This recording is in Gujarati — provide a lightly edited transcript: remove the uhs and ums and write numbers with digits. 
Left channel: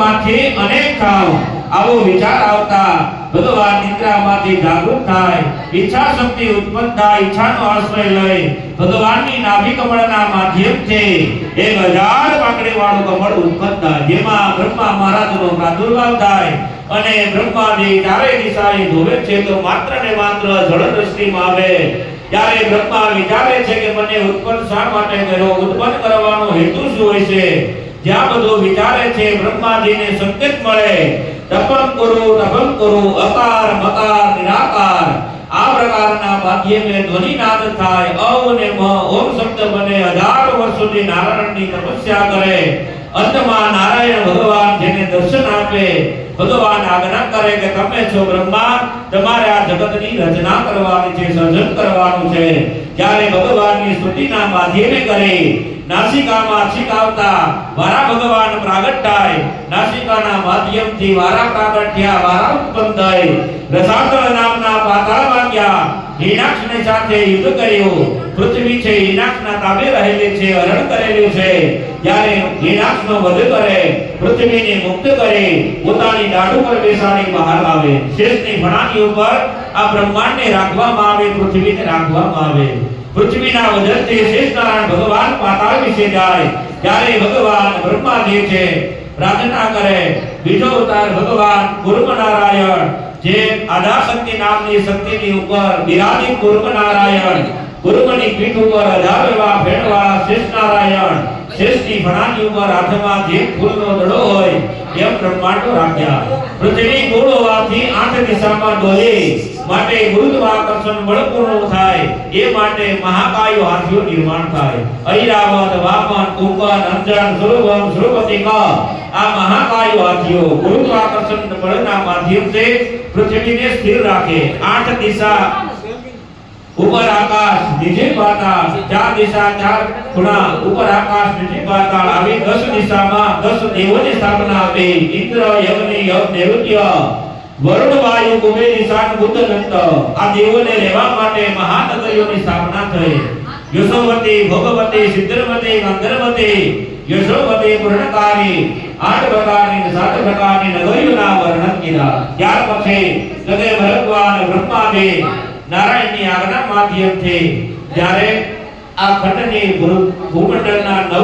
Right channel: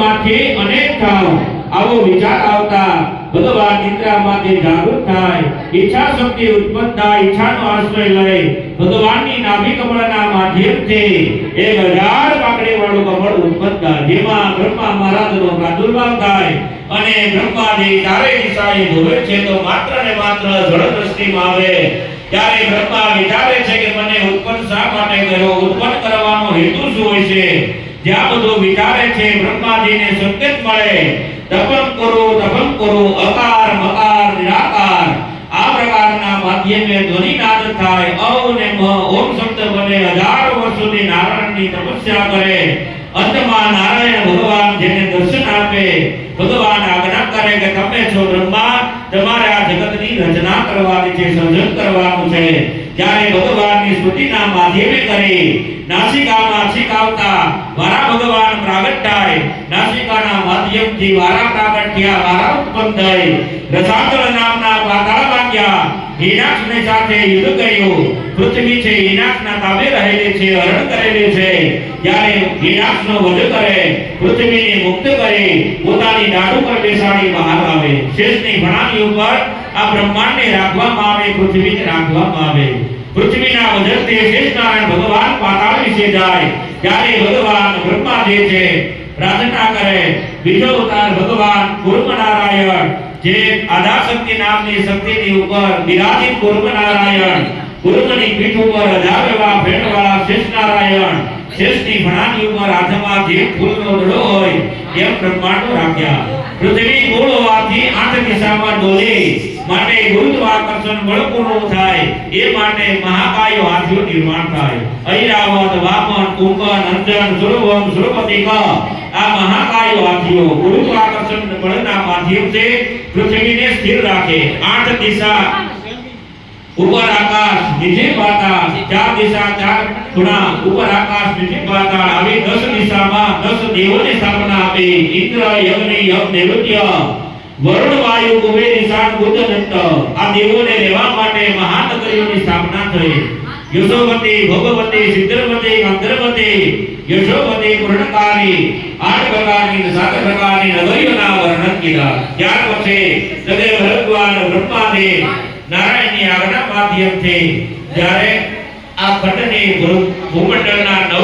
માંથી અનેક થાવ આવો વિચાર આવતા ભગવાન નિદ્રામાંથી જાગૃત થાય, ઈચ્છા શક્તિ ઉત્પન્ન થાય, ઈચ્છાનો આશ્રય લઈ ભગવાનની નાભી કમળના માધ્યમથી 1000 પાકડીવાળું કમળ ઉત્પન્ન થાય, જેમાં બ્રહ્મા મહારાજનો પ્રાદુર્ભાવ થાય અને બ્રહ્માજી ચારે દિશાએ ધોવે છે તો માત્ર ને માત્ર જળ દ્રષ્ટિમાં આવે ત્યારે બ્રહ્મા વિચારે છે કે મને ઉત્પન્ન શા માટે કર્યો, ઉત્પન્ન કરવાનો હેતુ શું હોય છે? જ્યાં બધું વિચારે છે બ્રહ્માજીને સંકેત મળે, તપમ કરો અકાર મકાર નિરાકાર આ પ્રકારના માધ્યમે ધ્વનિનાદ થાય, ઔ ને મ ઓમ શબ્દ બને 1000 વર્ષ સુધી નારાયણની તપસ્યા કરે, અંતમાં નારાયણ ભગવાન જેને દર્શન આપે, ભગવાન આજ્ઞા કરે કે તમે છો બ્રહ્મા, તમારે આ જગતની રચના કરવાની છે, સર્જન કરવાનું છે। જ્યારે ભગવાનની સ્તુતિના માધ્યમે કરી નાસિકામાં છીક આવતા વારા ભગવાન પ્રાગટ થાય, નાસિકાના માધ્યમથી વારા પ્રાગટ થયા, વારા ઉત્પન્ન થઈ, રસાતળ નામના પાતાળમાં ગયા, હિરણાક્ષની સાથે યુદ્ધ કર્યું, પૃથ્વી છે હિરણાક્ષના તાબે રહેલી છે, હરણ કરેલું છે, જ્યારે હિરણાક્ષનો વધ કરે, પૃથ્વીને મુક્ત કરે, પોતાની દાઢ ઉપર બેસાડી બહાર આવે, શેષની ફણાની ઉપર આ બ્રહ્માંડને રાખવામાં આવે, પૃથ્વીને રાખવામાં આવે, પૃથ્વીના વજનથી શેષનારાયણ ભગવાન પાતાળ વિશે જાય, ત્યારે ભગવાન બ્રહ્માજી છે પ્રાર્થના કરે, બીજો અવતાર ભગવાન કુર્મ નારાયણ જે આધાશક્તિ નામની શક્તિની ઉપર બિરાજિત કુર્મ નારાયણ, કુર્મની પીઠ ઉપર 1000 એવા ફેણવાળા શેષનારાયણ, શેષની ફણાની ઉપર હાથમાં જે ફૂલનો દડો હોય એમ બ્રહ્માંડો રાખ્યા, પૃથ્વી ગોળ હોવાથી 8 દિશામાં ડોલે માટે ગુરુત્વાકર્ષણ બળ પૂર્ણ થાય, એ માટે મહાકાયો હાથીઓ નિર્માણ થાય, ઐરાવત વામન કુંભન અંજન સુરવમ સુરપતિ આ મહાકાયો હાથીઓ ગુરુત્વાકર્ષણ બળના માધ્યમથી પૃથ્વીને સ્થિર રાખે, 8 દિશા ઉપર આકાશ નીચે પાતાળ, 4 દિશા 4 ખૂણા ઉપર આકાશ નીચે પાતાળ, આવી 10 દિશામાં 10 દેવોની સ્થાપના આપી, ઇન્દ્ર યજ્ઞ યજ્ઞ નૈઋત્ય વરુણ વાયુ કુબેર ઈશાન બુદ્ધ દત્ત આ દેવોને રહેવા માટે મહાનગરીઓની સ્થાપના થઈ, યશોવતી ભોગવતી સિદ્ધવતી ગંધર્વતી યશોવતી પૂર્ણકારી 8 પ્રકારની 7 પ્રકારની નગરીઓના વર્ણન કીધા। ત્યાર પછી સદે ભગવાન બ્રહ્માજી નારાયણની આજ્ઞા માધ્યમથી જ્યારે આ ખંડની ભૂમંડળના 9